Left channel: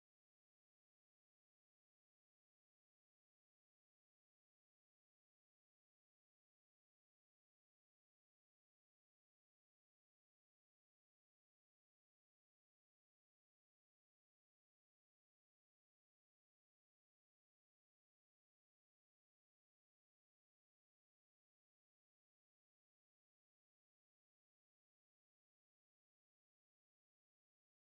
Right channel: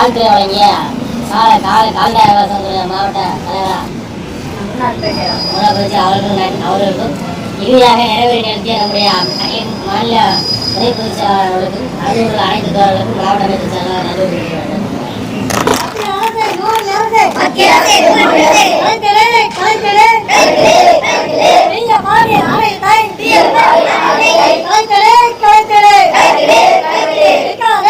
வாழ்த்துறை வழங்கிய கால கால கால்நடை மாவட்ட தலைவராக முதலமைச்சர் அவர்களுக்கும் இறுதியாக நிறைவேறி நடத்திய நம்முடைய மாநில துணை பொதுச் செயலாளர்களுக்கும் அலுவலர்கள் அனைத்து தோழர்களுக்கும் மாவட்ட அமைச்சர் செயலாளர் நன்றி தெரிவிக்க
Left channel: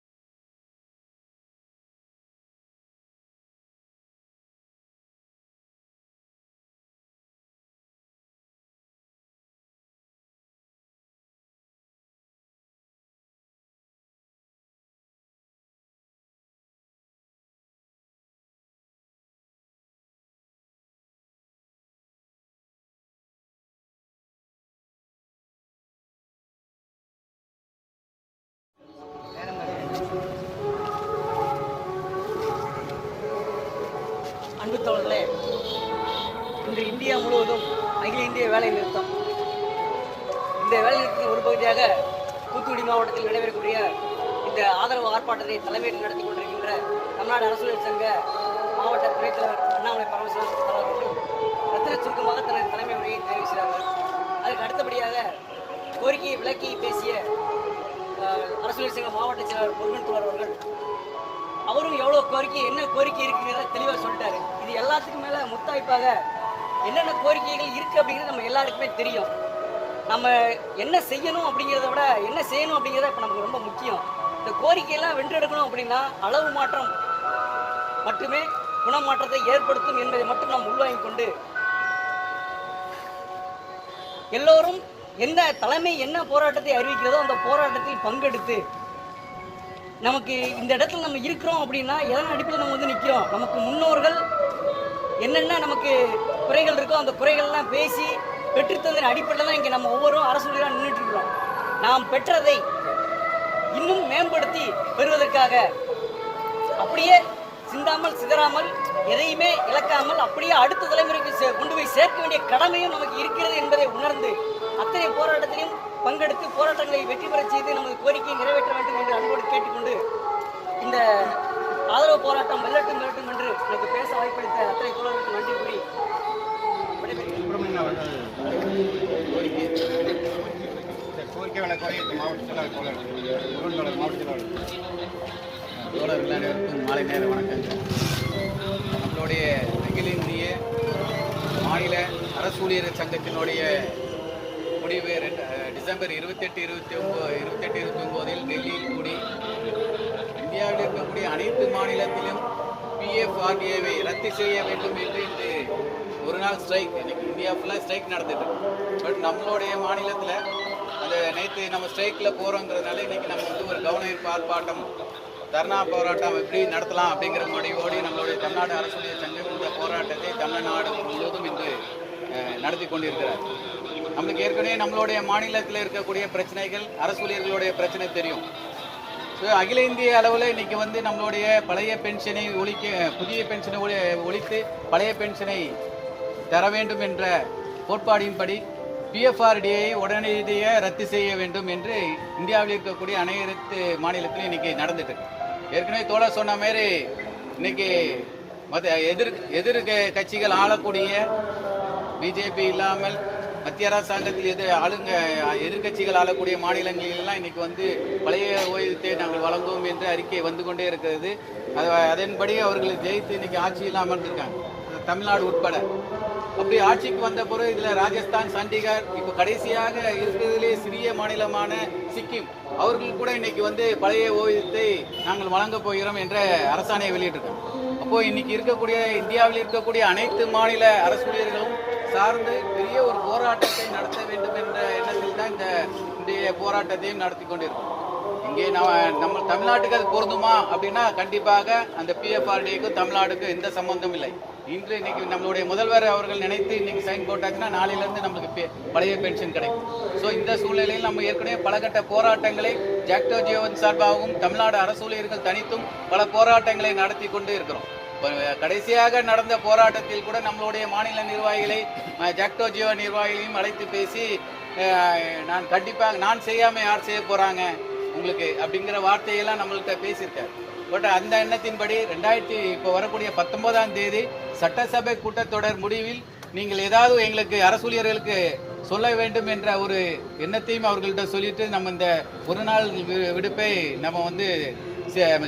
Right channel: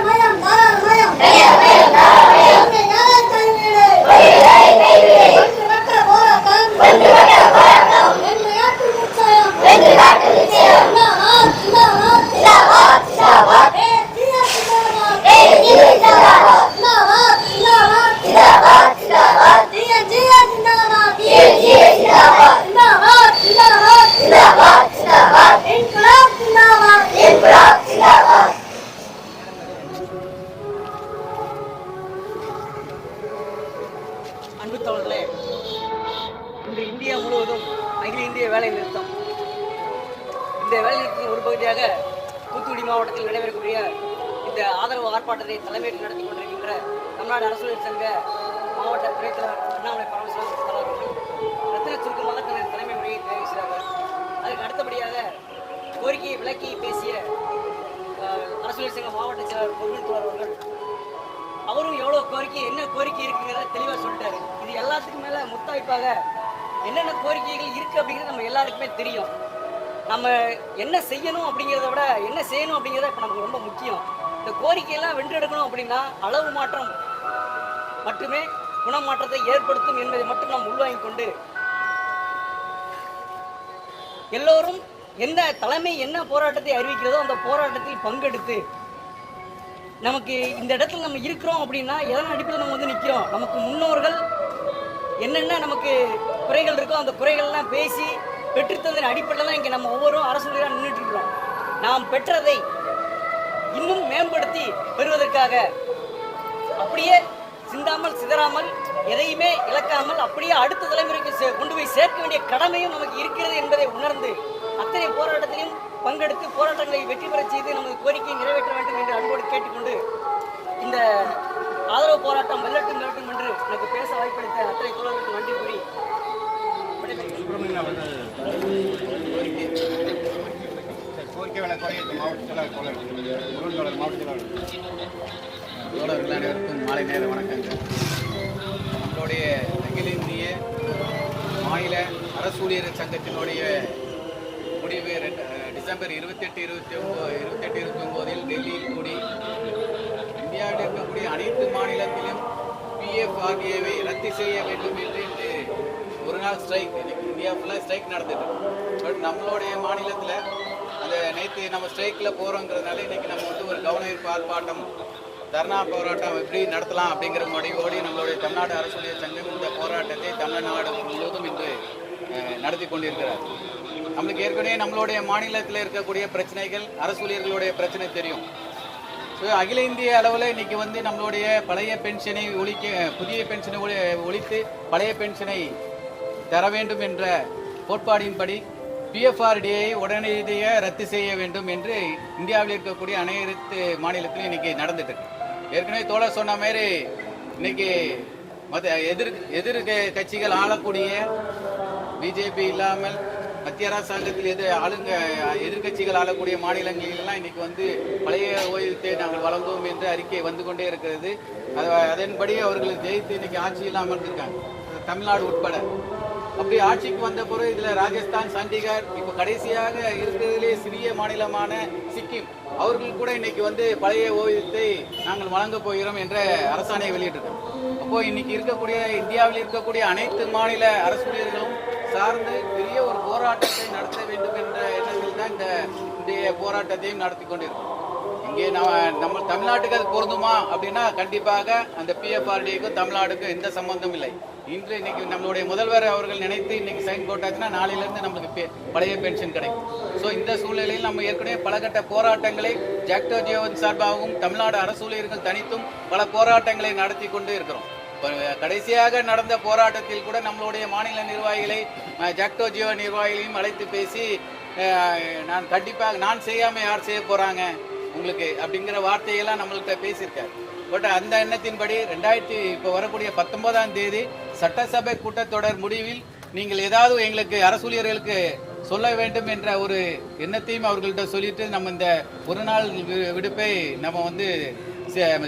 மாவட்டத்தில் நடைபெறக்கூடிய இந்த ஆதரவு ஆர்ப்பாட்டத்தை தலைமையில் நடத்தி கொண்டிருக்கின்ற தமிழ்நாடு அரசியல் சங்க மாவட்ட துணைத் தலைவர் அண்ணாமலை பரமசிவன் அவர்கள் ரத்தின சுருக்கமாக தனது தலைமை உரையை தெரிவிக்கிறார்கள் அதற்கு அடுத்தபடியாக கோரிக்கையை விளக்கி பேசிய அரசியல் சங்க மாவட்ட செயலாளர் முருகன் அவர்கள் அவரும் எவ்வளோ கோரிக்கை என்ன கோரிக்கை இருக்குங்கிறத தெளிவாக சொல்லிட்டாரு. இது எல்லாத்துக்கும் மேலே முத்தாய்ப்பாக என்னென்ன கோரிக்கைகள் இருக்கு அப்படிங்கிறது நம்ம எல்லாருக்குமே தெரியும். நம்ம என்ன செய்யணும் அப்படிங்கிறத விட என்ன செய்யணும் அப்படிங்கிறத இப்போ நமக்கு ரொம்ப முக்கியம். இந்த கோரிக்கையெல்லாம் வென்றெடுக்கணும் அப்படின்னா அளவு மாற்றம் மட்டுமே குணமாற்றத்தை ஏற்படுத்தும் என்பதை மட்டும் நாம் உள்வாங்கிக் கொண்டு எல்லோரும் எந்த தலைமை என்ன போராட்டத்தை அறிவிக்கிறதோ அந்த போராட்டத்தில் பங்கெடுத்து நமக்கு இந்த இடத்துல நம்ம இருக்கிறோம் அப்படின்னா எதன் அடிப்படையில் நம்ம வந்து நிற்கிறோம் நமக்கு முன்னோர்கள் என்னென்ன நமக்கு குறைகள் இருக்கோ அந்த குறைகள்லாம் பேசி பெற்றுத்ததன் அடிப்படையில் தான் இங்கே நம்ம ஒவ்வொரு அரசு நின்றுட்டு இருக்கிறோம். நாம் பெற்றதை இன்னும் மேம்படுத்தி பெறுவதற்காக அப்படியே சிந்தாமல் சிதறாமல் எதையுமே இழக்காமல் அப்படியே அடுத்த தலைமுறைக்கு சே- கொண்டு போய் சேர்க்க வேண்டிய கடமையும் நமக்கு இருக்கிறது என்பதை உணர்ந்து அத்தனை போராட்டத்திலும் பங்கெடுத்து போராட்டங்களை வெற்றி பெறச் செய்து நமது கோரிக்கையை நிறைவேற்ற வேண்டும் என்று அன்போடு கேட்டுக்கொண்டு இந்த ஆதரவு போராட்டம் வெல்லட்டும் வெல்லட்டும் என்று எனக்கு பேச வாய்ப்பளித்த அத்தனை தோழர்களுக்கு நன்றி கூறி சுப்பிரமணியன் அவர்கள் கோரிக்கை சரி, கோரிக்கை வழக்கு குறைய மாவட்ட செயலாளர் தோழர் முருகன் தோழர் மாவட்ட செயலாளர் தோழர்கள் அனைவருக்கும் மாலை நேர வணக்கங்கள் நம்மளுடைய அகில இந்திய மாநில அரசு ஊழியர் சங்கத்தினுடைய முடிவு ரெண்டு- டிசம்பர் இருபத்தெட்டு இருபத்தி ஒம்பது இருபத்தெட்டு இருபத்தி ஒம்போதில் டெல்லியில் கூடி இந்தியாவில் இருக்கக்கூடிய அனைத்து மாநிலத்திலும் பிஎஃப் ஆகியவை ரத்து செய்ய வேண்டும் என்று நாள் ஸ்ட்ரைக் இன்னைக்கு இந்தியா ஃபுல்லாக ஸ்ட்ரைக் நடந்தது. பட் நம்மளுடைய மாநிலத்தில் அந்த நேற்று நம்ம ஸ்ட்ரைக்கில் போகிறோங்கிறதுனால இன்னைக்கு நம்ம வந்து ஒரு கவன ஆர்ப்பாட்டம் தர்ணா போராட்டம் எப்படி நடத்தலாம் அப்படிங்கிற முடிவோடு நம்மளுடைய தமிழ்நாடு அரசுடைய சங்கம் இந்த போராட்டத்தை தமிழ்நாடு முழுவதும் இன்று நடத்தி கொண்டிருக்கிறார். நம்மளுக்கு ஏற்கனவே நம்மளுடைய மாநிலத்தில் இருக்கக்கூடிய பிரச்சனைகள் அரசு ஊழியர்களுடைய பிரச்சனை தெரியும். ஸோ அகில இந்திய அளவில் இன்னைக்கு வந்து நம்மளுடைய பழைய பென்ஷனை ஒழிக்க புதிய பென்ஷனை ஒழித்து பழைய பென்ஷனை தர வேண்டும் என்ற கோட்பாடின்படி பிஎஃப்ஆர்டியை உடனடியாக ரத்து செய்ய வேண்டும் என்று இந்தியாவில் இருக்கக்கூடிய அனைத்து மாநிலத்திலும் இன்னைக்கு நடந்துட்டு இருக்கு. ஏற்கனவே தோழர் சொன்ன மாதிரி இன்னைக்கு மத எதிர் எதிர் கட்சிகள் ஆளக்கூடிய பிஜேபி இல்லாமல் மத்திய அரசாங்கத்தில் எதிர் ஆளுங்க எதிர்க்கட்சிகள் ஆளக்கூடிய மாநிலங்களிலெல்லாம் இன்னைக்கு வந்து பழைய ஓய்வூதியத்தை நாங்கள் வழங்குவோம் என்று அறிக்கை வந்து கொண்டே இருக்கிறது. அது- அதன்படி அவர்கள் ஜெயித்து இன்னைக்கு ஆட்சி இல்லாமல் இருக்காங்க தமிழ்நாடு உட்பட. அப்படி ஆட்சிக்கு வந்த பிறகு இதில் ராஜஸ்தான் சண்டிகர் இப்போ கடைசியாக இருக்கிறதிலே சிறிய மாநிலமான சிக்கிம். அவர்கள் கூட இன்னைக்கு வந்து பழைய ஓவியத்தை நாங்கள் வழங்கப் போகிறோம் என்ற அரசாணையை வெளியிட்டிருக்கோம் அப்போ இன்னைக்கு இருக்கக்கூடிய இந்தியாவில் இருக்கக்கூடிய அனைத்து மாநில அரசு ஊழியர்களும் சார்ந்து பெரிய ஒரு போராட்டத்தை நடத்த வேண்டும் என்ற எண்ணத்தில் தான் இந்த இன்றைய போராட்டத்தையும் நடத்தி கொண்டிருக்கிறோம். இங்கே நம்ம நம்ம தமிழ்நாட்டுக்கு அது பொருந்துமா அப்படின்னா கண்டிப்பாக அந்த பிஎஃப்ஆர்டிக்கும் தமிழ்நாடுக்கும் எந்த சம்பந்தம் இல்லை. இன்று இன்னைக்கு நம்மளுடைய முதல்வர் அவர்கள் நினைத்து இன்னைக்கு சைன் போட்டாச்சுன்னா நாளையிலேருந்து நம்மளுக்கு பே- பழைய பென்ஷன் கிடைக்கும். ஸோ இந்த சூழ்நிலையில் நம்ம ஏற்கனவே பலகட்ட போராட்டங்களை ஜாக்டோ ஜியோவின் சார்பாகவும் தமிழ்நாடு அரசு ஊழியர்கள் தனித்தும் பல போராட்டங்களை நடத்தி கொண்டு இருக்கிறோம். கடைசியாக நடந்த போராட்டத்தில் கூட நம்மளுடைய மாநில நிர்வாகிகளை ஜாக்டோ ஜியோ நிர்வாகிகளையும் அழைத்து பேசி நான் கண்டிப்பாக நான் செய்யாமல் யார் செய்ய போகிறாங்க உங்களுக்கு அப்படிங்கிற வார்த்தையெல்லாம் நம்மள்கிட்ட பேசியிருக்காரு. பட் அந்த எண்ணத்தின்படி ரெண்டாயிரத்தி இப்போ வரக்கூடிய பத்தொன்பதாம் தேதி சட்டசபை கூட்டத்தொடர் முடிவில் நீங்கள் ஏதாவது எங்களுக்கு அரசூழியர்களுக்கு சொல்ல வேண்டும் என்ற ஒரு எண்ணத்தையும் அவர்கள்ட்ட சொல்லிட்டு நம்ம இந்த ஒரு நாள் விடுப்பை நம்ம வந்து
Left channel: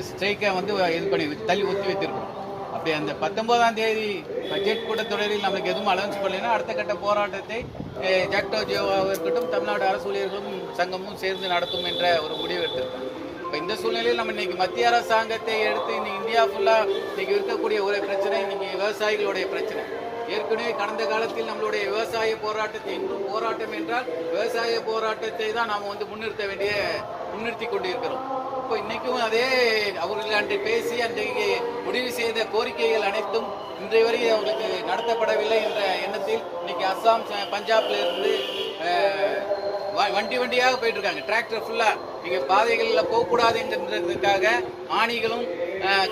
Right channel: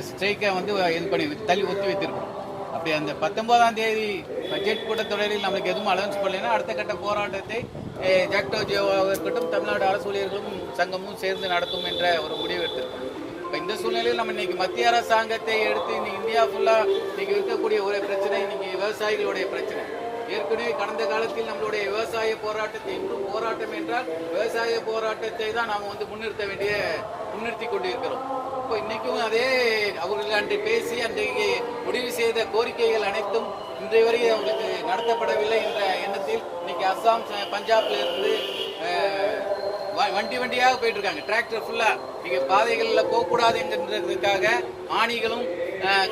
ஸ்ட்ரைக்கை வந்து இது பண்ணி தள்ளி ஒத்தி வைத்திருக்கிறோம். அப்படி அந்த பத்தொன்பதாம் தேதி பட்ஜெட் கூட்டத்தொடரில் நம்மளுக்கு எதுவும் அலவன்ஸ் பண்ணலைன்னா அடுத்த கட்ட போராட்டத்தை ஜாக்டோ ஜியோவாக இருக்கட்டும் தமிழ்நாடு அரசு ஊழியர்களும் சங்கமும் சேர்ந்து நடத்தும் என்ற ஒரு முடிவு எடுத்திருக்காங்க. இப்போ இந்த சூழ்நிலையில் நம்ம இன்னைக்கு மத்திய அரசாங்கத்தை எடுத்து இன்னைக்கு இந்தியா ஃபுல்லாக இன்னைக்கு இருக்கக்கூடிய ஒரு பிரச்சனை இன்னைக்கு விவசாயிகளுடைய பிரச்சனை. ஏற்கனவே கடந்த காலத்தில் நம்மளுடைய விவசாய போராட்டத்தை இன்னும் போராட்டம் என்றால் விவசாய போராட்டத்தை தான் நாம் வந்து முன்னிறுத்த வேண்டிய முன்னிறுத்தி கொண்டிருக்கிறோம். இப்போ இன்னைக்கும் அதே அவர்கள் அன்று பேசி அன்றைக்கு முடிவு செய்த கோரிக்கைகள் அனைத்தும் இன்றைய வரை அவர்களுக்கு நடத்தப்படவில்லை என்ற எண்ணத்தில் இன்னைக்கு அஸ்ஸாம் பஞ்சாப்ல இருந்து வ- வண்டி வண்டியாக போயிட்டு இருக்காங்க டிராக்டர் ஃபுல்லா நீங்க பாதைகள்ல போகக்கூடாது என்கிறதுக்காக ஆணிகளும்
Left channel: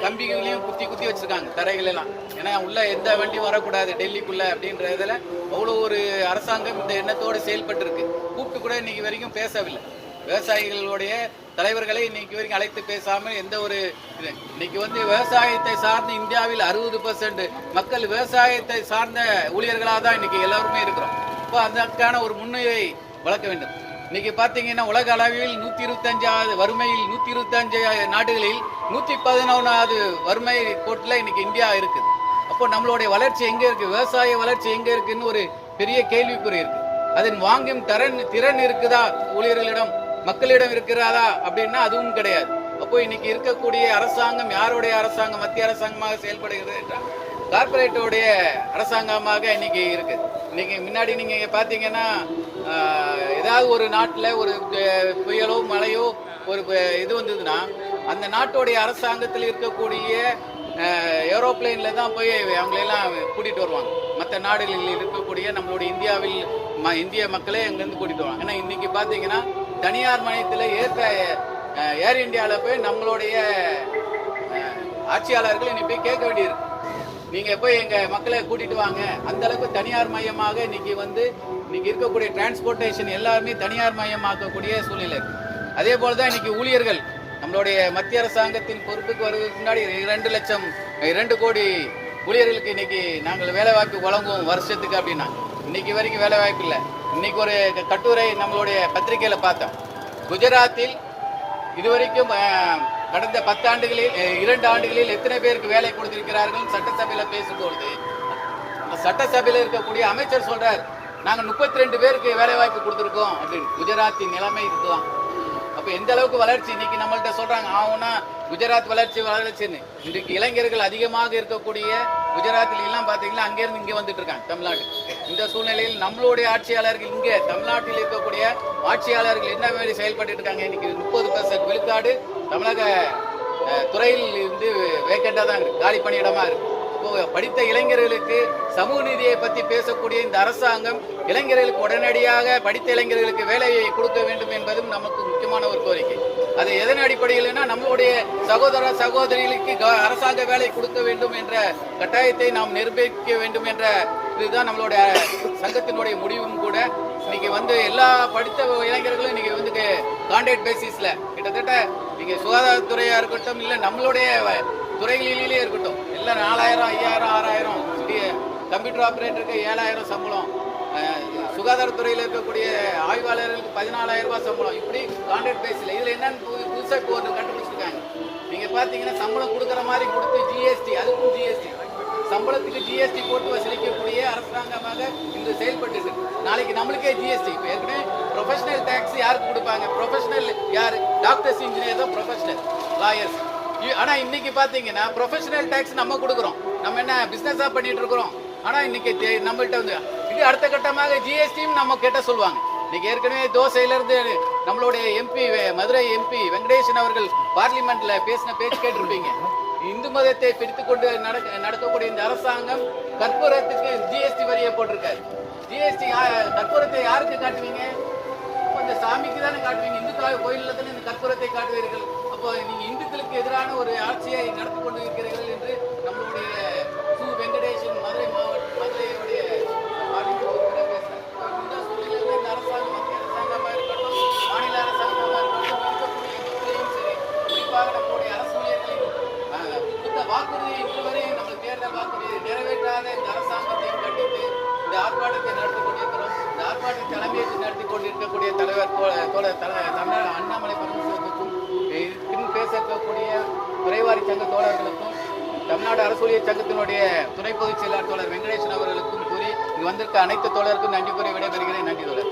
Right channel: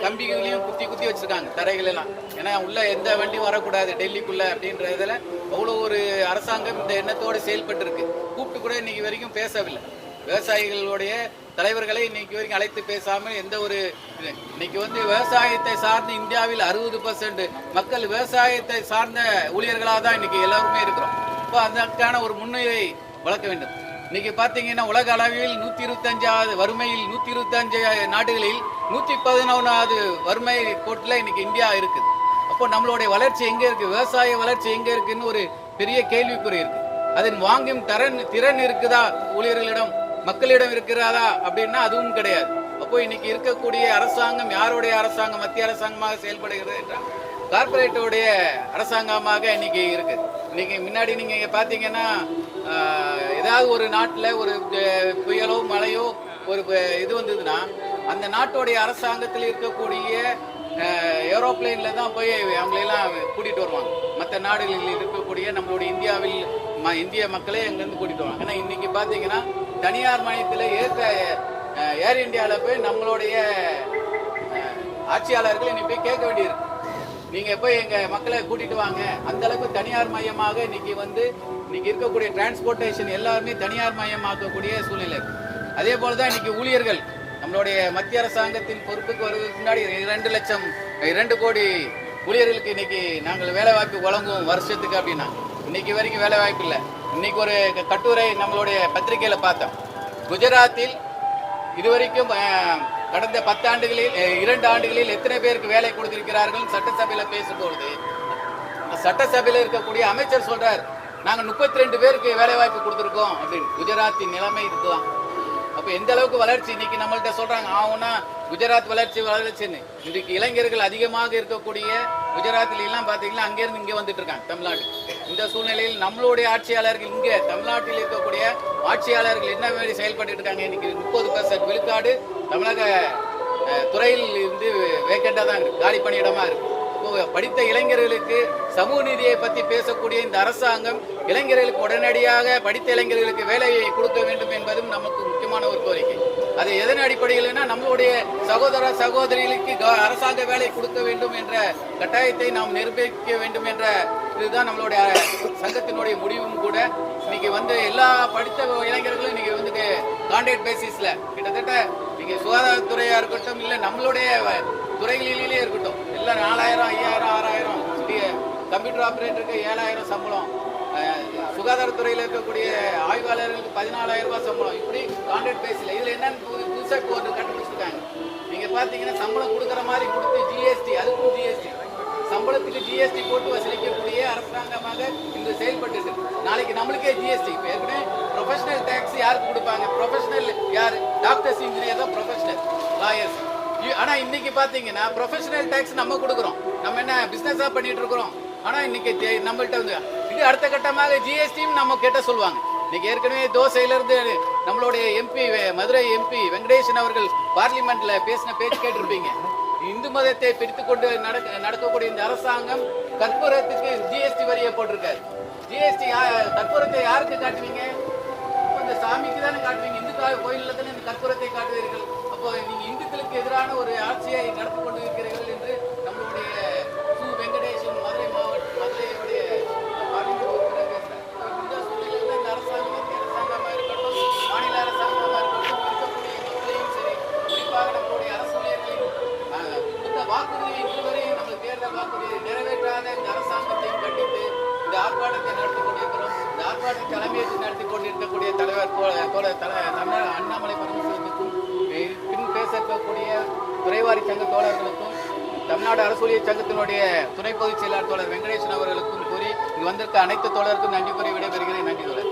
கம்பிகளையும் குத்தி குத்தி வச்சிருக்காங்க தரைகள் எல்லாம் ஏன்னா உள்ள எந்த வண்டியும் வரக்கூடாது டெல்லிக்குள்ள அப்படின்ற இதுல அவ்வளோ ஒரு அரசாங்கம் இந்த எண்ணத்தோடு செயல்பட்டு இருக்கு கூப்பிட்டு கூட இன்னைக்கு வரைக்கும் பேசவில்லை. விவசாயிகளுடைய தலைவர்களை இன்னைக்கு வரைக்கும் அழைத்து பேசாமல் எந்த ஒரு இது இன்னைக்கு வந்து விவசாயத்தை சார்ந்து இந்தியாவில் அறுபது பர்சன்ட் மக்கள் விவசாயத்தை சார்ந்த ஊழியர்களாக தான் இன்னைக்கு எல்லாருமே இருக்கிறோம். இப்போ அதற்கான ஒரு முன்னுரை வளர்க்க வேண்டும். இன்னைக்கு பார்த்தீங்கன்னா உலக அளவில் நூற்றி இருபத்தஞ்சாவது வறுமையில் நூற்றி இருபத்தஞ்சு நாடுகளில் நூற்றி பதினொன்னாவது வறுமை கோட்டில் இன்னைக்கு இந்தியா இருக்குது. அப்போ நம்மளுடைய வளர்ச்சி எங்கே இருக்கு? விவசாய வளர்ச்சி எங்கே இருக்குன்னு ஒரு பெரிய கேள்விக்குறி இருக்கு. அதன் வாங்கும் திறன் திறன் இருக்குதா ஊழியர்களிடம்? மக்களிடம் இருக்கிறாரா அப்படின்னா அதுவும் கிடையாது. அப்போ இன்னைக்கு இருக்கக்கூடிய அரசாங்கம் யாருடைய அரசாங்கம்? மத்திய அரசாங்கமாக செயல்படுகிறது என்றால் கார்பரேட்டோடைய அரசாங்கமாக இன்னைக்கு இருக்கு. இன்னைக்கு முன்னாடி நீங்க பாத்தீங்கன்னா ஏதாவது ஒரு நாட்டில் ஒரு புயலோ மழையோ ஒரு இது வந்ததுன்னா அந்த நாட்டுடைய அரசாங்கத்தில் இருக்கக்கூடிய ஏரோப்ளைன்ல தான் போய் அவங்களெல்லாம் கூட்டிட்டு வருவாங்க. மற்ற நாடுகளில் இருக்கக்கூடிய நம்மளுடைய இந்தியாவில் ம- இந்திய மக்களே அங்கேருந்து கூட்டிட்டு வருவாங்க. ஏன்னா இன்னைக்கு பாத்தீங்கன்னா தனியார் மையத்தில் ஏற்ற ஏர் இந்தியாவில் போய் நம்மளுடைய ஆட்சியாளர்கள் இன்னைக்கு போய் கேட்க வேண்டியிருக்கு. நீங்க போய் எங்க மக்களை கூட்டிட்டு வாங்க. அந்த அளவுக்கு தனியார் மையமாக இன்னைக்கு வந்து இன்னைக்கு இருக்கக்கூடிய டிரான்ஸ்போர்ட்டேஷன் எல்லாருமே தனியார் மயமாக்கக்கூடிய சூழ்நிலை. அதே போலதான் இன்னைக்கு ஊழியர்கள் நம்மளுடைய மத்திய அரசாங்கத்தின் பொறுப்புக்கு வருவதற்கு முன்னாடி இரண்டு லட்சம் இரண்டு கோடி ஊழியர்களுக்கு இன்னைக்கு நாங்கள் வேலை வாய்ப்பு வழங்குவோம் வருஷத்துக்கு அப்படின்னா இன்னைக்கு வரைக்கும் வேலை வாய்ப்பு இல்லை. இன்னைக்கு ஒரு கட்டுரை நம்மளுடைய பத்திரிகையில பார்த்தோம். குஜராத்தில் இதுவரைக்கும் கடந்த பத்தாண்டுகளில் இரண்டு ஆண்டுகளில் எத்தனை பேருக்கு வேலை கொடுத்திருக்கிறார்கள் சட்டசபையில பேசும்பொழுது? சட்டசபையில் சட்டசபையில இருக்கக்கூடிய அமைச்சர் சொல்றார் நாங்க முப்பத்தி ரெண்டு பேருக்கு வேலை வாய்ப்பு கொடுத்துருக்கோம். அப்படின்னு. குஜராத்தின் நிலைமை இதுதான். அப்ப எந்த அளவுக்கு வளர்ச்சி இன்னைக்கு நம்மள்கிட்ட சொல்றாங்க. ஆகும்னா குஜராத் வளர்ச்சி வளர்ச்சின்னு இன்றைக்கு இளைஞர்கள் அதிகமாக இருக்கக்கூடிய குஜராத்தில் எல்லாம் பாத்தீங்கன்னா அங்கேருந்து இங்க வந்துட்டு இருக்காங்க தமிழ்நாடு. இந்த சூழ்நிலையில் நம்மளுடைய ஆட்சியாளர்கள் இங்க தமிழ்நாட்டில் இருக்கக்கூடிய ஆட்சியாளர்கள் என்ன மாதிரி செயல்பட்டு இருக்காங்க? இன்னைக்கு முப்பது பர்சன்ட் விழுக்காடு தமிழக துறையில் இருந்து வேக்கண்டா தான் இருக்கு காலி பணியிடமா இருக்கு. படித்த இளைஞர்களுக்கு சமூக நீதியை பத்தி பேசக்கூடிய இந்த அரசாங்கம் இளைஞர்களுக்கு உடனடியாக படித்த இளைஞர்களுக்கு வேலையை கொடுக்க வேண்டும் என்பதும் நமக்கு முக்கியமான ஒரு கோரிக்கை. அது எதன் அடிப்படையில்னா நம்மளுடைய சகோதர சகோதரிகளுக்கு அரசாங்க வேலை கொடுக்க வேண்டும் என்ற கட்டாயத்தை நாம் நிரூபிக்க வேண்டும் என்ற இதுதான் நம்மளுடைய சங்கத்தினுடைய முடிவும் கூட. இன்னைக்கு வந்து எல்லா படித்த இளைஞர்களும் இன்னைக்கு வந்து கான்ட்ராக்ட் பேசிஸ்ல கிட்டத்தட்ட நீங்க சுகாதாரத்துறையா இருக்கட்டும் இல்ல நம்மளுடைய துறைகளிலேயே இருக்கட்டும். எல்லாம் நாலாயிரம் ஐயாயிரம் ஆறாயிரம் கம்ப்யூட்டர் ஆபரேட்டருக்கு ஏழாயிரம் சம்பளம். சுகாதாரத்துறையில் இருக்கக்கூடிய ஆய்வாளர்களுக்கு பதினாலாயிரம் ரூபாய் சம்பளம். இப்படி கான்ட்ராக்ட் பேஸ்ல இதுல என்ன புதுசா இப்போ ஒன்று கண்டுபிடிச்சிருக்காங்க. நீங்க பாத்தீங்கன்னா சம்பளம் கொடுக்குற மாதிரி கொடுத்து ஜிஎஸ்டி அதுக்கும் ஜிஎஸ்டி சம்பளத்துக்கு ஜிஎஸ்டி போட்டு வசூலிக்கக்கூடிய அரசாங்கமாக இன்று செயல்பட்டு நாளைக்கு நம்மளுக்கே ஜிஎஸ்டி இப்போ ஏற்கனவே ப்ரொஃபஷனல் டேக்ஸ் யாருக்கு கொடுப்பாங்க? ப்ரொஃபஷனல் யார்? டாக்டர்ஸ் இன்ஜினியர் தான் ப்ரொஃபஷனல் லாயர்ஸ் ஆனா இன்னைக்கு பாத்தீங்கன்னா ப்ரொஃபஷனல் டேக்ஸ் நம்ம கொடுக்குறோம். நம்ம என்ன பிசினஸா பண்ணிட்டு இருக்கிறோம். ஆனா இன்னைக்கு ஜெ- நம்மள்ட்ட வந்து இது அடுத்த கட்டமாக ஜிஎஸ்டியும் நம்ம கேட்ட சொல்லுவாங்க. இன்னைக்கு ஏற்கனவே தோசையில இருந்து நம்மளுடைய எம்பி மதுரை எம்பி வெங்கடேசன் அவர்கள் பார்லிமெண்ட்ல பேசின பேச்சு கேட்டிருப்பீங்க. இந்து மதத்தை பிடித்துக் கொண்டு நடக்க நடக்கக்கூடிய இந்த அரசாங்கம் கற்பூரத்துக்கு ஜிஎஸ்டி வரியை போட்டிருக்காரு. ஜிஎஸ்டி கற்பூரத்தை யாருக்கு காட்டுவீங்க? இந்த சாமிக்கு தானே காட்டுவீங்க. இந்துக்களாக கோயிலில் தானே இந்த கற்பூரத்தை காட்டுவீர்கள். அப்போ நீங்க இந்துக்களுக்கு எதிரான ஒரு ஆட்சியை நடத்தி கொண்டு இருக்கிறீர்கள் இருக்கட்டும் மாநில அரசாங்கமாக இருக்கட்டும் இருக்கக்கூடிய மக்களையும் சரி குறிப்பாக நம்மளுடைய இந்த வாக்குறுதியை இதுவரை நம்ம தேர்தல் வாக்குறுதியை நிறைவேற்றாத இந்த அரசாங்கத்தையும் கண்டித்து இந்த ஆர்ப்பாட்டத்தை நடத்தி கொண்டிருக்கிறோம் இந்த ஆர்ப்பாட்டத்தை தலைமையேற்று நடத்தி கொண்டிருக்கக்கூடிய தலைவர் தோழர் தல தமிழ் அண்ணாமலை பரமசிவத்துக்கும் பின் பேச இருக்கக்கூடிய துறைவாரி சங்க தோழர்களுக்கும் தமிழ்நாடு அரசூழியர் சங்கத்தினுடைய துணை பொதுச் செயலாளர் தோழர் வெங்கடேசன் அவர்களுக்கும் கூறி இங்கு வந்திருக்க அனைத்து தோழருக்கும் நன்றி கூறி விடைபெறுகிறேன் நன்றி தோழர்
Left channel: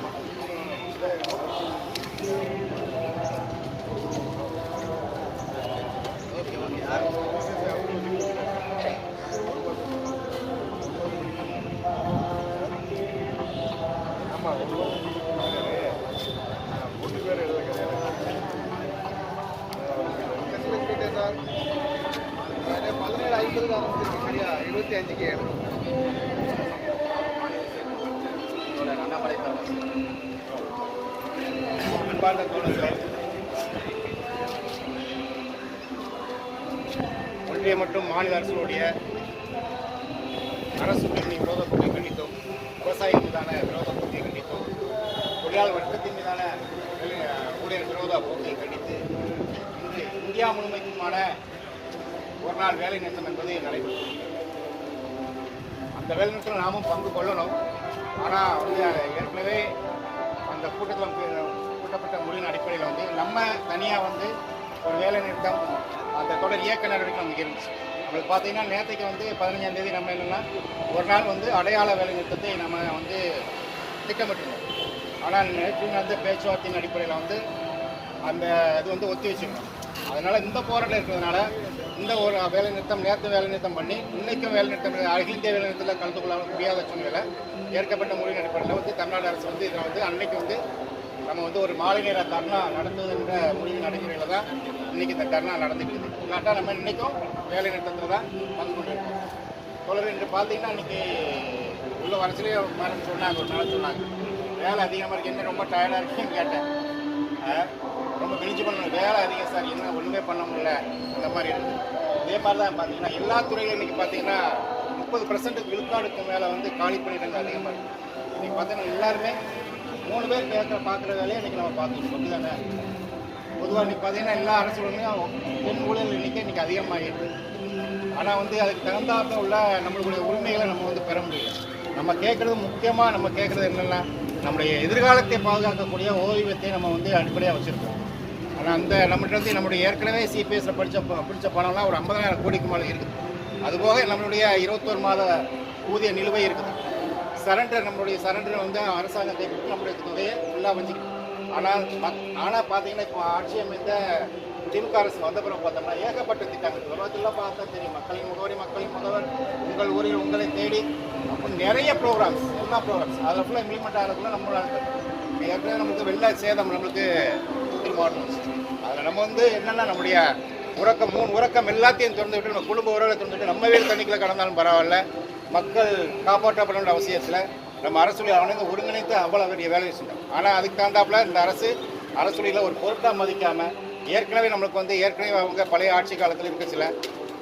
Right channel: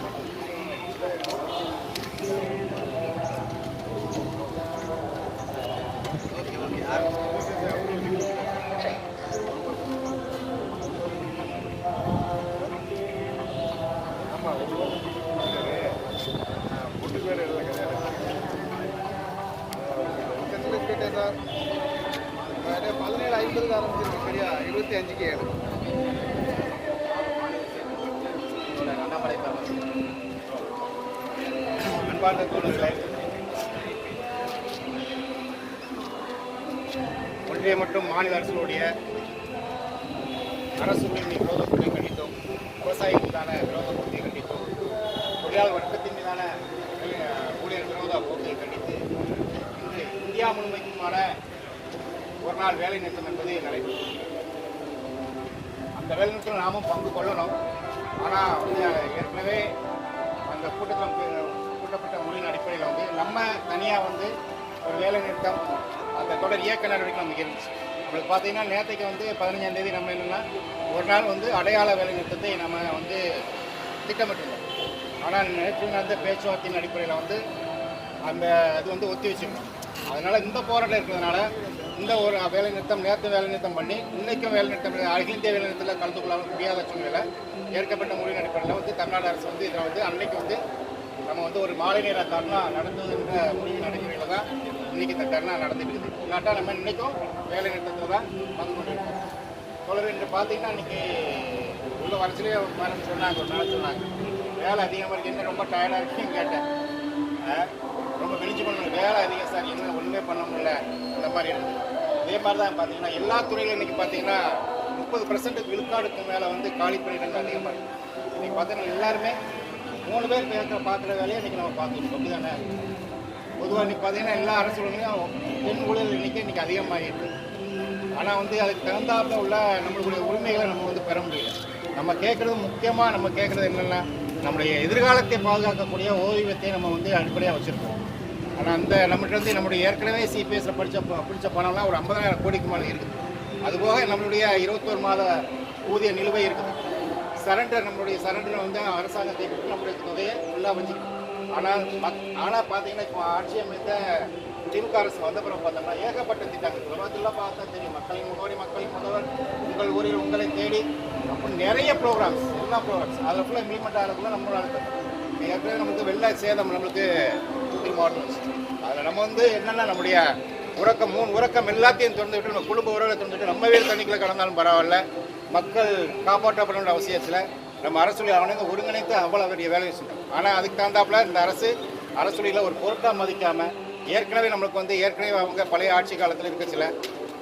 தோழர் அண்ணாமலை அன்பார்ந்த தோழர்களே ஒன்றிய மற்றும் மாநில அரசுடைய அரசு விரோதத்தை கண்டித்தோம் விவசாயிகள் மீதான விரோதத்தை கண்டித்தோம் தொழிலாளர் வர்க்கத்தின் மீதான ஊழியர் விரோத போக்கை கண்டித்து இந்தியா முழுமைக்குமான ஒரு நாள் வேலை நிறுத்தம் என்பது நடைபெறும் அந்த நாமும் பங்கு கொள்ளணும். ஆனால் வந்து ஏற்கனவே அந்த கூட்டத்தில் கூட்டப்பட்ட மொழியின் அடிப்படையில் வந்து நம்ம தனியாக வந்து ஒரு வேலை நிறுத்தம் அந்த தொடர் இயக்க நடவடிக்கை நமக்கு இருந்துச்சு. அப்படி பார்த்தீங்கன்னா நேற்றைக்கு வந்து பதினஞ்சாம் தேதி நம்ம என்னென்னா ஒரு நாள் வந்து அடையாள வேலை நிறுத்தத்தை நம்ம வந்து திட்டமிட்டிருந்தோம். ஆனால் நேற்று நடந்த பேச்சுவார்த்தையின் அடிப்படையில் வந்து அந்த இது வந்து ஒத்தி வச்சுருந்தோம். அதனால் இந்த போராட்டம் இருக்கிறதுனால இந்த ஒரு வேலை நிறுத்தம் நேற்று வேலை நிறுத்தம் பண்ணி இன்னைக்கும் வேலை நிறுத்தம் அகில இந்திய வேலை நிறுத்தத்தில் கலந்து கொள்ள முடியாத சூழ்நிலையில் ஏற்கப்பட்ட முடிவின் அடிப்படையில் வந்து தமிழ்நாடு அரசு வந்து இதை வந்து அன்னைக்கு வந்து நம்ம வந்து ஒரு மாலை நேர தர்ணா நடந்ததுன்ற முடிவின் அடிப்படையில் தான் இன்னைக்கு இந்த தர்ணா நடந்துக்கிட்டு இல்லாட்டா நம்ம இன்னைக்கும் வேலை நிறுத்தத்தில் தான் வந்து என்று இன்று பார்த்தீங்கன்னா இன்னைக்கு உள்ள வரச்சிலே சொன்னாங்க ஒரு நாள் சொன்னாங்க. வேலை அதிகமாக இருக்கு ரொம்ப டயர்டாக இருக்குன்னு கேட்டேன். ரொம்ப விழிச்சு பண்ணணும் வேலை அதிகம் சார். என்ன ஒன்றுமே பண்ண முடியல. அந்த மாதிரி இருக்குது இதே மாதிரி தான் பார்த்தீங்கன்னா எல்லா துறையிலும் இன்றைக்கி பார்த்தீங்கன்னா முப்பது பர்சன்ட் விழுக்காடுக்கு மேலே வந்து காலி பணியிடங்கள் அதிகமாக இருக்குது இன்றைக்கி பார்த்தீங்கன்னா எல்லாருமே மூணு பேர் பேசுகிற பார்க்குற வேலையை இன்றைக்கி நம்ம பார்த்துக்கணும் அப்படி தானே பொதுவாக இன்றைக்கி பார்த்தீங்கன்னா எல்லா அரசுகளும் பெண் ஊழல் இன்றைக்கி இன்றைக்கி அதிகமாகிட்டு ஆனால் வந்து அதுக்கு தகுந்தாப்புல உள்ள நம்மளுடைய உரிமைகளை நம்ம வந்து பெற முடியல. நம்ம கேட்குறது முக்கியமாக நம்ம கேட்குறது என்னென்னா நம்முடைய எதிர்காலத்தை பாதுகாக்கக்கூடிய ஓய்வத்தை நம்ம வந்து அடிப்படையாக வச்சுருக்கோம். ஆனால் அந்த நம்மகிட்ட வந்து நம்முடைய ஏற்கனவே சிபிஎஸ்ல படித்த பிடிச்ச பணம்லாம் ஒரு ஐம்பதாயிரம் கோடிக்கு மேலே இருக்குது அதுபோக நம்மளுடைய இருபத்தோரு மாத ஊதிய நிலுவை இருக்குது. சரண்டர் நம்மளுடைய சரண்டர் வந்து அரசாங்கத்தை கொடுத்து நம்மளுடைய தொகையை ஃபுல்லாக வச்சுக்கணும். ஆனால் மத் ஆனால் பார்த்தீங்கன்னா இப்போ ஆட்சியம் இந்த திமுக அரசு வந்த பிறகு பார்த்தோம்னா ஏகப்பட்ட திட்டங்கள். உலகத்தில் பார்த்தா தெரியும். மக்களின் முகவரி மக்களின் முதல்வர் உங்கள் ஊரில் உங்களை தேடி நிறைய ப்ரோக்ராம்ஸ் எல்லா ப்ரோக்ராம்ஸ் அதில் ஃபுல்லாக இம்ப்ளிமெண்ட் ஆகிறதுக்குள்ள நம்மளால் ஏற்கனவே நமக்கு வெள்ள சேதம் நமக்கு தூத்துக்குடி மாவட்டம் அதில் நம்ம வந்து என்னென்னா நம்முடைய உறக்கம் மூணு உறக்கம் எல்லாத்தையும் திறந்து விட்டு நம்ம குடும்ப உறவை திறந்து விட்டு நம்ம வீடு தண்ணிக்குள்ள கடந்தாலும் பரவாயில்ல. மக்கள் காப்பாற்றப்பட வேண்டிய அவசியத்தில் நம்ம அரசுடைய அவனை ஒருங்கிணைத்து அவ்வளோ பெரிய வேலையை செஞ்சோம். ஆனால் அதுக்கு தகுந்தாப்புல இந்த அரசு அரசுலையில் ஒரு பொருட்டாக மதிக்காமல் ஏற்கனவே நம்மளுக்கு வந்து ஏற்கனவே அவங்க பழைய ஆட்சி காலத்தில் இருக்க சில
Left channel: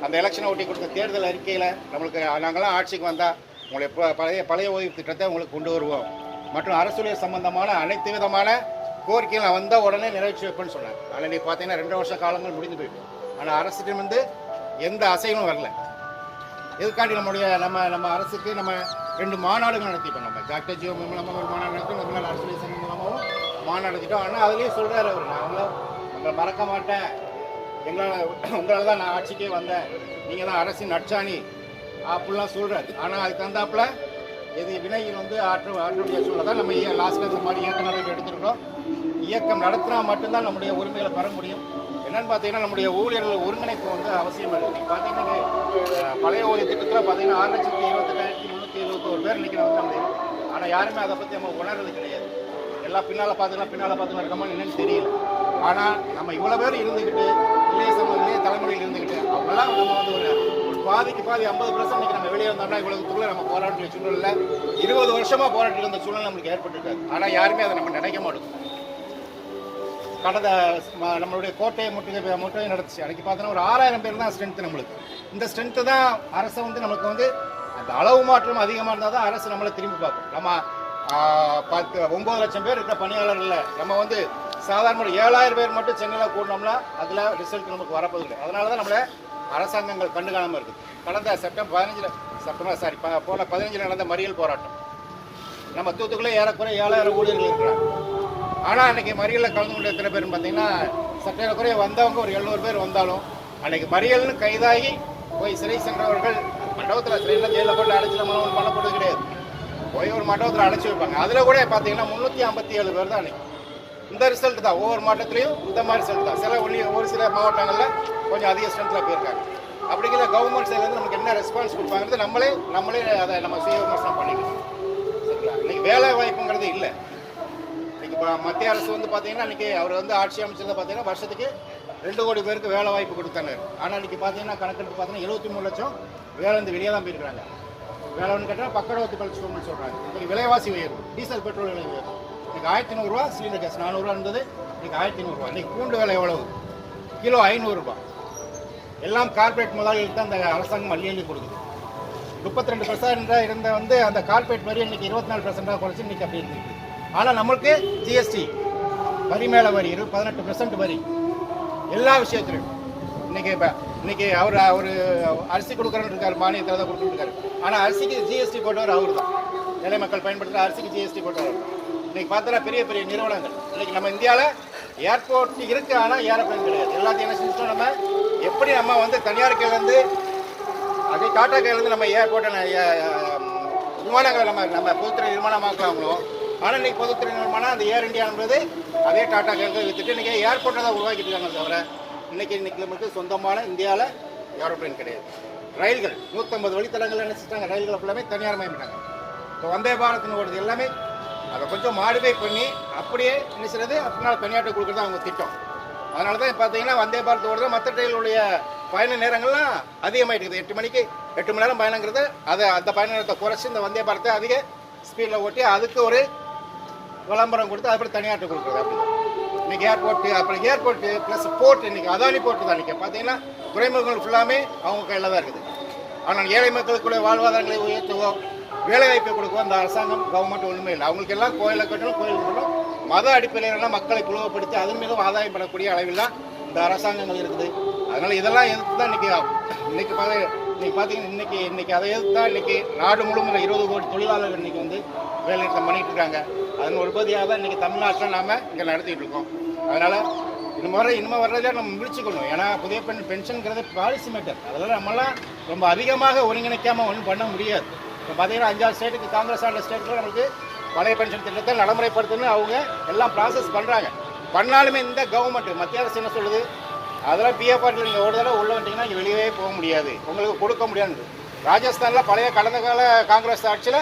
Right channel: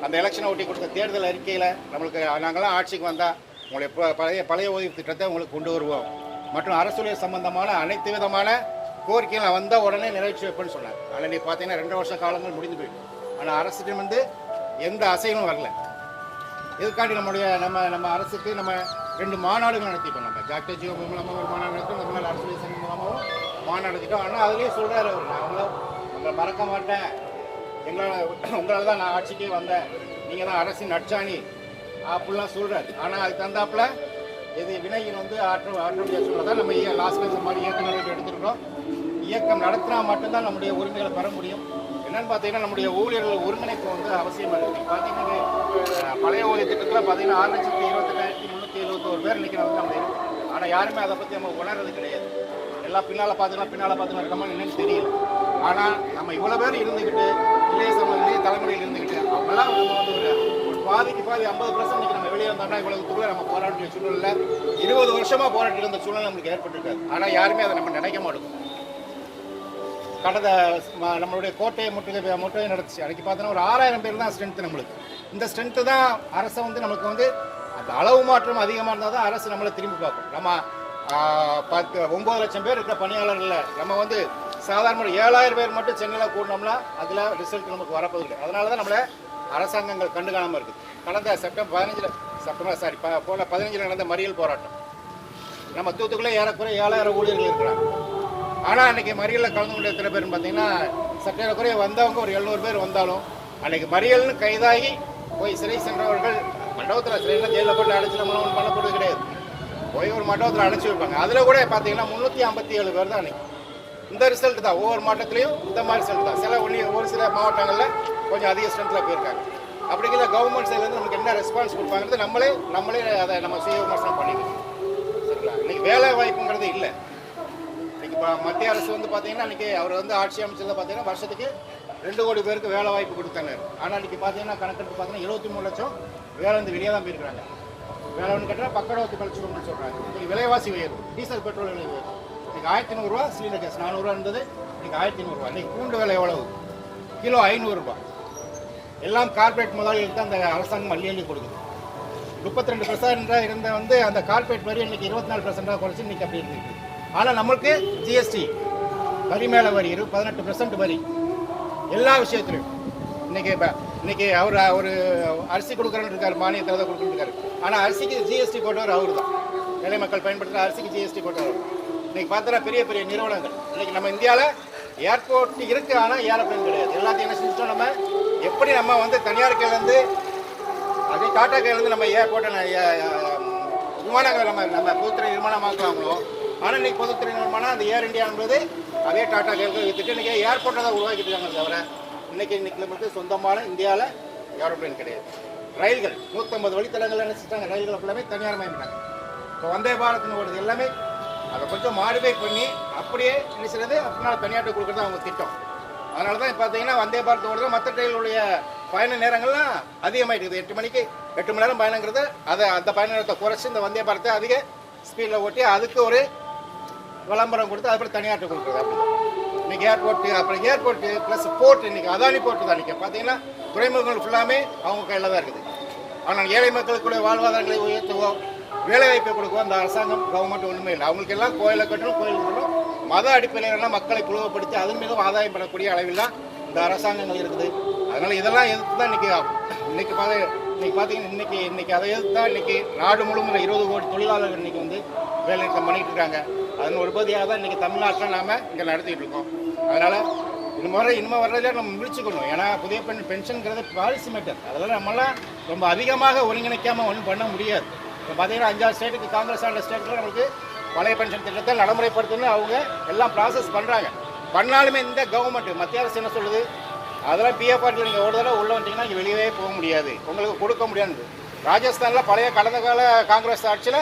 அந்த எலெக்ஷனை ஒட்டி கொடுத்த தேர்தல் அறிக்கையில் நம்மளுக்கு நாங்களாம் ஆட்சிக்கு வந்தால் உங்களுடைய ப- பழைய பழைய ஓய்வு திட்டத்தை உங்களுக்கு கொண்டு வருவோம். மற்றும் அரசுடைய சம்பந்தமான அனைத்து விதமான கோரிக்கைகள் வந்த உடனே நிறைவேற்றி வைப்பேன்னு சொன்னார். ஆனால் இன்னைக்கு பார்த்தீங்கன்னா ரெண்டு வருஷ காலங்கள் முடிஞ்சு போயிட்டு. ஆனால் அரசுக்கு வந்து எந்த அசைவும் வரல. இதுக்காண்டி நம்முடைய நம்ம நம்ம அரசுக்கு நம்ம ரெண்டு மாநாடுகள் நடத்திட்டோம் நம்ம டாக்டர் ஜியோ மூலமாக ஒரு மாநாடு நடத்தி நம்மளால் அரசு மூலமாக மாநாடு நடத்திட்டோம் ஆனால் அதுலேயே சொல்கிறார் அவர். நாங்களும் நம்மளை மறக்க மாட்டேன். எங்களால் உங்களால் தான் நான் ஆட்சிக்கே வந்தேன். நீங்கள் தான் அரசின் நட்சாணி அப்படிலாம் சொல்கிறார் ஆனால் அதுக்கு தந்தாப்பில் எது வினையில் வந்து ஆற்று ஆற்றுடைய சூழல் தான் நம்ம லாஸ்ட் மாதிரி இயக்கம் நடவடிக்கை எடுத்திருக்கோம் இயக்கம் நடத்தினா மட்டும்தான் நம்முடைய உரிமைகளை பெற முடியும். என்னன்னு பார்த்தீங்கன்னா நம்முடைய ஊழியர்கள் ஒருங்கிணைப்பு வந்து அவசியம் இருக்குது பார்த்தீங்கன்னா பழைய ஊதிய திட்டத்தில் பார்த்தீங்கன்னா ஆறு லட்சத்தி இருபத்தெட்டாயிரத்தி முந்நூற்றி எழுபத்தோரு பேர் இன்னைக்கு வந்து நம்ம ஆனால் யாருமே அதை பற்றி நம்ம உணர்றது கிடையாது. எல்லாம் பின்னால் பார்த்தீங்கன்னா பின்னால் பார்த்து இருக்கோமா என்னன்னு தெரியும் ஆனால் நம்ம இவ்வளோ பேர் இருந்துக்கிட்டு இளைய சமூகம் பாதிக்கு பாதி ஐம்பது பர்சன்ட் இன்னைக்கு நம்ம வெளியே வந்தோம்னா இவ்வளவு தூரம் நம்ம போராட்ட சூழ்நிலை இருபது வருஷமா போராட்டி இருந்த சூழ்நிலை நம்மளுக்கு ஏற்பட்டிருக்காது. ஆனால் யாருமே அதை நம்ம நினைக்க மாட்டோம். கடந்த நம்மளுடைய கோட்டையை முற்றுகை முற்றுகை நடத்துச்சு. அன்றைக்கி பார்த்தோன்னா ஒரு ஆறாயிரம் பேர் தான் ஸ்ட்ரென்த்து நம்மளுக்கு. இந்த ஸ்ட்ரென்த்து தான் அரசை வந்து நமக்கு வந்து அந்த அளவு மாற்றம் அதிகமாக இருந்தால் தான் அரசு நம்மளை திரும்பி பார்க்கும். நம்ம பத்து ஒம்பது லட்சம் பேர் இருக்கிற பணியாளர்கள் நம்ம வந்து சாதாரண ஏழாயிரம் பேர் மட்டும் சென்னையில் கூட்டினோம்னா அதில் ரிசல்ட் நமக்கு வரப்போகுது அதனால தான் நம்மளை அரசாங்கங்கள் கண்டு காணாமல் இருக்குது. கடந்த செப்டம்பர் பதினஞ்சில் செப்டம்பர் சாரி போன பதினஞ்சில் நடந்த மறியல் போராட்டம். நம்ம தூத்துக்குள்ளே ஏறக்குறைய ஏழாயிரம் ஊழியர்கள் இருக்கிறாங்க. ஆனால் அன்னைக்கு மறியலில் கலந்து கொண்ட எத்தனை பேர் பார்த்தீங்கன்னா சற்றே குறைய வந்தவங்க ஒரு எழுநூறு பேர் வந்தாலும் அன்னைக்கு மறியல்னு கைதாகி போய் சிறை சென்றவர்கள் மண்டபத்தில் சிறையில் ஜெயிலில் போட்டு அடைச்சி நம்ம ஒன்றும் பண்ணப்படுறது கிடையாது. போய் ஒரு மண்டபத்தில் அடைச்சி வைப்பாங்க. அதில் கூட பார்த்தீங்கன்னா முந்நூற்றி ஐம்பத்தி ஏழு பேர் தான் அன்னைக்கு. இந்த ரிசல்ட் தான். ஒவ்வொரு மாவட்டத்திலையும் இந்த மாதிரி ரிசல்ட் தான். சில ஒன்லி ஒரு சில மாவட்டங்களில் கொஞ்சம் அதிக ஸ்ட்ரென்த்தில் போயிருக்காங்க. அப்படிங்கிற கவர்மெண்ட் சைட்லேருந்து நமக்கு என்ன ரெஸ்பான்ஸ் கொடுப்பாங்கிறது நம்மளே நம்மளே அதை நம்ம சுய விமர்சனம் பண்ணிக்கணும். சரிங்களா? இன்றைக்கி வேலை வாய்ப்புங்கிறது இல்லை. இன்றைக்கி இப்போ மத்திய அரசு வந்து பார்த்தீங்கன்னா இன்றைக்கி அவர் வந்து ஆட்சி அமைச்சதில் பார்த்தீங்கன்னா வருஷத்துக்கு ரெண்டு கோடி பேருக்கு வேலை வாய்ப்பு கொடுத்தாங்க. ஆனால் இன்றைக்கி பார்த்தீங்கன்னா கணக்கெடுப்பு பார்த்தீங்கன்னா எழுபத்தி மூணு லட்சம் வேலை வந்து வெளியே தான் போயிருக்கிறாங்க. வேலைன்னு கேட்டால் பக்கடவத்து கழிச்சுக்கணும்னு சொல்கிறாங்க இன்றைக்கி விலைவாசி உயரும் டீசல் பெட்ரோல் விலை உயரும் இன்றைக்கி ஆயிரத்தி ஐநூறுரூவா சிலிண்டர் கேஸ் நானூறுரூவா இருந்தது இன்றைக்கி ஆயிரத்தி ஐநூறுரூவா இன்னைக்கு பூண்டு விலை எவ்வளவு? கிலோ ஐநூறுரூபா எல்லாம் கார்ப்பரேட் முதலாளிகளுக்கு தான் அந்த அரசாங்கம் அள்ளி அள்ளி கொடுக்குது. முப்பத்தி ரெண்டு பர்சன்டாக இருந்த வந்து அந்த கார்ப்பரேட் வரி இன்னைக்கு இருபத்தி நாலு பர்சன்டாக குறைச்சி இன்னைக்கு அப்படி இருந்துச்சு ஆனால் நம்மளுக்கு ஜிஎஸ்டி வரி மேலே வரி இரு பதினெட்டு பர்சன்ட் வரி. எல்லா விஷயத்திலும். இன்னைக்கு இப்போ இன்னைக்கு அவர் ஒரு அரிசி கொடுக்குறன்னு இருக்கார் மானியத்தில் தான் கொடுத்துருக்காரு இருக்காரு. ஆனால் அரிசிக்கு ஜிஎஸ்டி போட்டவர் அவர் தான். ஏழை மக்கள் பயன்படுத்துகிற அரிசிக்கு ஜிஎஸ்டி போட்டவர் தான். இன்னைக்கு பார்த்தோன்னா பெரிய பெரிய நிறுவனங்கள். இன்னைக்கு நம்ம இந்தியாவில் ஏர்போர்ட் இருக்கு ஆனால் ஏரோப்ளேன் கிடையாது. எல்லாத்தையுமே சிஸ்டம் செஞ்சுட்டோம் நம்ம? எப்படி நம்ம வந்து தனியார் கையிலேருந்து வந்து அதே டாடா கையிலேருந்து நம்ம ஏர்போர்ட்டில் விமானங்களை நம்ம நம்ம பொதுத்துறை நிர்மாணமாக்குறாங்களோ ஆனால் இன்னைக்கு பொதுத்துறை நிர்மாணம் அந்த ஏர் இந்தியான்றது அதே டாடா கையில் வித்துட்டு இன்றைக்கி ஏர்போர்ட்டை தான் உருவாக்கிட்டு இருக்காங்க தவிர இன்னைக்கு இன்னைக்கு நமக்கு சொந்தமான இந்தியாவில் ஏரோப்ளேன் கிடையாது. ரயில்கள் நூற்றம்பது வழித்தடங்கள் என்ன செஞ்சாங்க ரயில்கள் எல்லாமே தனியார் மயமிட்டாங்க இப்போ வந்தே பாரத்னு ஓடுது எல்லாமே அதை கொஞ்சம் மாடிஃபை பண்ணி அப்படியே என்ன செய்யறது? அப்படின்னா தனியாட்டை கொடுக்குறது அவங்க திட்டம். அதனால தான் பார்த்தீங்கன்னா வந்தே பாரத் ஓடுறது மற்ற ட்ரெயினுடைய பயண நேரங்கள்லாம் அதிகமாயிட்டுது எட்டு மணிக்கு எட்டு மணி நேரம் பயணங்கிறது அதை அந்த பயண நேரத்தை குறைச்சி இந்த வந்தே பாரத்தை அதிக ஸ்பீடில் ஓட்டி அதுக்கு ஒரு விளம்பரம் கொடுத்து அதுக்கப்புறம் தனியாட்டை கொடுக்குறது அப்படி இன்னைக்கு ஏர்போர்ட்டு அப்புறம் ஏர்போர்ட்டு ப்ளஸ் போர்ட் இன்னைக்கு அதானி போர்ட்டு தான் இன்னைக்கு பார்த்தீங்கன்னா துறைமுகங்கள் ஃபுல்லாமே அவங்க கையில் தான் இருக்குது. ஆனால் ஏழை மக்களுக்குள்ள வாழ்வாதாரங்களை உயர்த்துவோம் வேலைவாய்ப்பை வாய்ப்பை அந்த அரசாங்கம் கவர்மெண்ட் ஒன்றுமே இல்லை. அவங்களுக்கு எல்லாம் கோயிலை கட்டணும் கோயில் கட்டணும். மத அடிப்படையிலான மக்களை புழுவப்படுத்தி அதன் மீதும் ஆதாயம் பெறக்கூடிய அளவில் தான் இந்த அரசாங்கங்கள் இருக்குது. அதனால இதெல்லாம் எதிர்த்து தான் இன்னைக்கு இன்னைக்கு பார்த்து இன்னைக்கு பார்த்தீங்கன்னா இன்னைக்கு இன்னைக்கு அதை எதிர்த்து தான் இன்னைக்கு நாடு முழுவதும் இருபது கோடி தொழிலாளர்கள் இன்னைக்கு வந்து வேலை நிறுத்தம் பண்ணிட்டு இருக்காங்க. அதன் ஒரு பகுதியாக தான் இன்னைக்கு தமிழ்நாட்டில் நாம இங்கே நடத்திட்டு இருக்கோம். அதனால இந்த முறை இனிமே வர்றதே நம்ம முடிச்சுக்கணும். ஏன்னா புதிய பெண் பென்ஷனுங்கிறது பாலிசி மேட்டர். அதெல்லாம் நம்மளாம் ரொம்ப அதிகமாக ஒருங்கிணைக்காமல் ஒன்றும் பண்ண முடியாது. இப்போ பார்த்தீங்கன்னா அஞ்சாறு ஸ்டேட்டுக்கு காங்கிரஸ் ஆண்ட ஸ்டேட்டில் நம்மளுக்கு பழைய பென்ஷன் திட்டத்தை நடைமுறைப்படுத்தணும்னு அவங்க எல்லாம் ப்ராசஸ் பண்ணுறாங்க பண்ணாலுமே இந்த கவர்மெண்ட் மத்திய அரசு என்ன சொல்லுது? அதெல்லாம் பிஎஃப் பார்ட்டில் நீங்கள் ஒரு தடவை உள்ளே வந்துட்டீங்கன்னா இங்கே வெளியவே போக முடியாது. உங்களுக்கு கொடுக்க முடியாது ராஜஸ்தானில் பழைய கடந்த கால காங்கிரஸ் ஆட்சியில்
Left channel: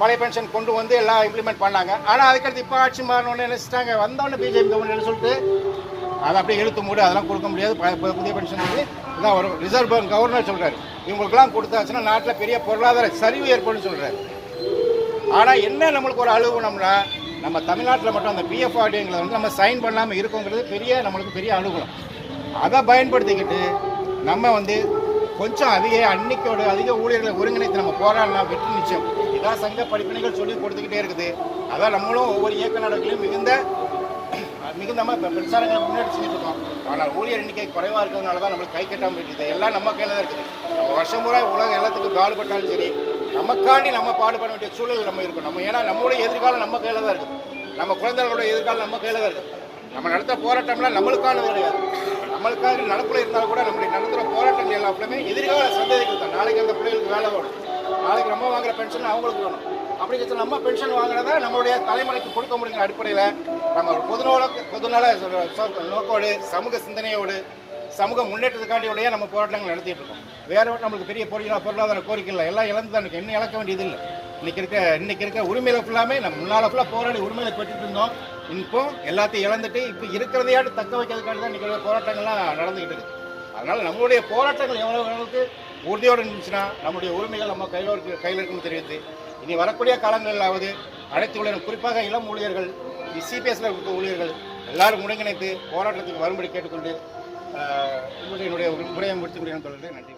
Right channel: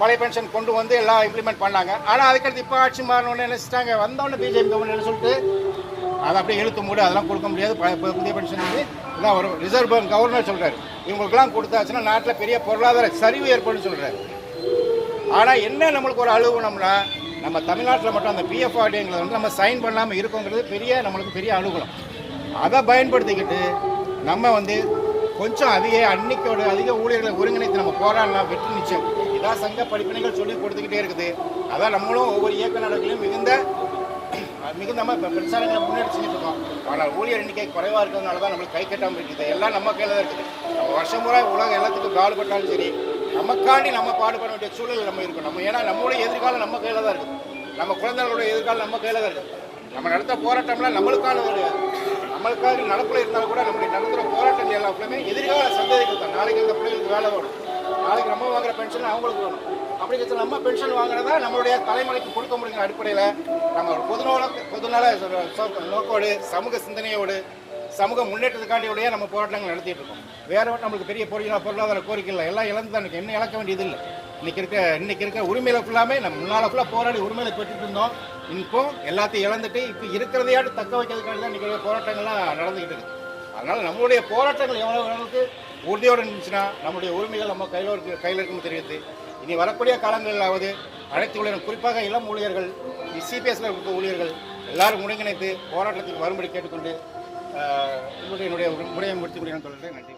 பழைய பென்ஷன் கொண்டு வந்து எல்லாம் இம்ப்ளிமெண்ட் பண்ணாங்க. ஆனால் அதுக்கடுத்து இப்போ ஆட்சி மாறினோடனே நினச்சிட்டாங்க வந்தோடனே பிஜேபி கவர்மெண்ட் என்ன சொல்லிட்டு அதை அப்படியே இழுத்து மூடி அதெல்லாம் கொடுக்க முடியாது. புதிய பென்ஷன் வந்து இதான் வரும். ரிசர்வ் பேங்க் கவர்னர் சொல்கிறார் இவங்களுக்குலாம் கொடுத்தாச்சுன்னா நாட்டில் பெரிய பொருளாதார சரிவு ஏற்படும் சொல்கிறார் ஆனால் என்ன நம்மளுக்கு ஒரு அழுகுணம்னா நம்ம தமிழ்நாட்டில் மட்டும் அந்த பிஎஃப் ஆர்டிங்கிறத வந்து நம்ம சைன் பண்ணாமல் இருக்கோங்கிறது பெரிய நம்மளுக்கு பெரிய அழுகுணம் அதை பயன்படுத்திக்கிட்டு நம்ம வந்து கொஞ்சம் அதிக அன்னைக்கோட அதிக ஊழியர்களை ஒருங்கிணைத்து நம்ம போராடலாம் வெற்றி நிச்சயம். இதான் சங்க படிப்பினைகள் சொல்லி கொடுத்துக்கிட்டே இருக்குது. அதான் நம்மளும் ஒவ்வொரு இயக்க நடவடிக்கையிலும் மிகுந்த மிகுந்த நம்ம பிரச்சாரங்களை முன்னெடுத்து செஞ்சுட்டு இருக்கோம். ஆனால் ஊழியர் எண்ணிக்கை குறைவாக இருக்கிறதுனால தான் நம்மளுக்கு கை கட்டாமல் இருக்குது. எல்லாம் நம்ம கையில் தான் இருக்குது. நம்ம வருஷம் பூரா உலகம் எல்லாத்துக்கும் பாடுபட்டாலும் சரி நமக்காண்டி நம்ம பாடுபட வேண்டிய சூழல் நம்ம இருக்கும். நம்ம ஏன்னா நம்மளுடைய எதிர்காலம் நம்ம கையில் தான் இருக்குது நம்ம குழந்தைகளுடைய எதிர்காலம் நம்ம கையில் தான் இருக்குது நம்ம நடத்த போராட்டம்ல நம்மளுக்கான கிடையாது நம்மளுக்காக நடப்பில் இருந்தால் கூட நம்மளுடைய நடத்துகிற போராட்டங்கள் எல்லாத்துலையுமே எதிர்கால சந்ததிகள் தான் நாளைக்கு அந்த பிள்ளைகளுக்கு வேலை வேணும். நாளைக்கு நம்ம வாங்குற பென்ஷன் அவங்களுக்கு வேணும். அப்படி நம்ம பென்ஷன் வாங்குறதா நம்மளுடைய தலைமுறைக்கு கொடுக்க முடியுங்கிற அடிப்படையில் நம்ம பொதுநோல பொதுநல நோக்கோடு சமூக சிந்தனையோடு சமூக முன்னேற்றத்துக்காண்டியோடய நம்ம போராட்டங்கள் நடத்திட்டு இருக்கோம். வேற ஒண்ணும் நம்மளுக்கு பெரிய பொருளாதார பொருளாதார கோரிக்கை இல்லை. எல்லாம் இழந்து தான் என்ன இழக்க வேண்டியது இல்லை இன்னைக்கு இருக்க இன்னைக்கு இருக்க உரிமையில ஃபுல்லாமே நம்ம முன்னால ஃபுல்லாக போராடி உரிமையில பெற்றுட்டு இருந்தோம். இப்போ எல்லாத்தையும் இழந்துட்டு இப்போ இருக்கிறதையாட்டு தக்க வைக்கிறதுக்காண்டி தான் இன்னைக்கு போராட்டங்கள்லாம் நடந்துகிட்டு இருக்கு. அதனால நம்மளுடைய போராட்டங்கள் எவ்வளவு அளவுக்கு உறுதியோடு இருந்துச்சுன்னா நம்முடைய உரிமைகள் நம்ம கையில் இருக்கு கையில் இருக்குன்னு தெரிவித்து இனி வரக்கூடிய காலங்களிலாவது அனைத்து ஊழியர்கள் குறிப்பாக இளம் ஊழியர்கள் சிபிஎஸ்ல இருக்க ஊழியர்கள் எல்லாரும் ஒருங்கிணைத்து போராட்டத்துக்கு வரும்படி கேட்டுக்கொண்டு என்னுடைய என்னுடைய உரையை முடித்துக் கொள்கிறேன். நன்றி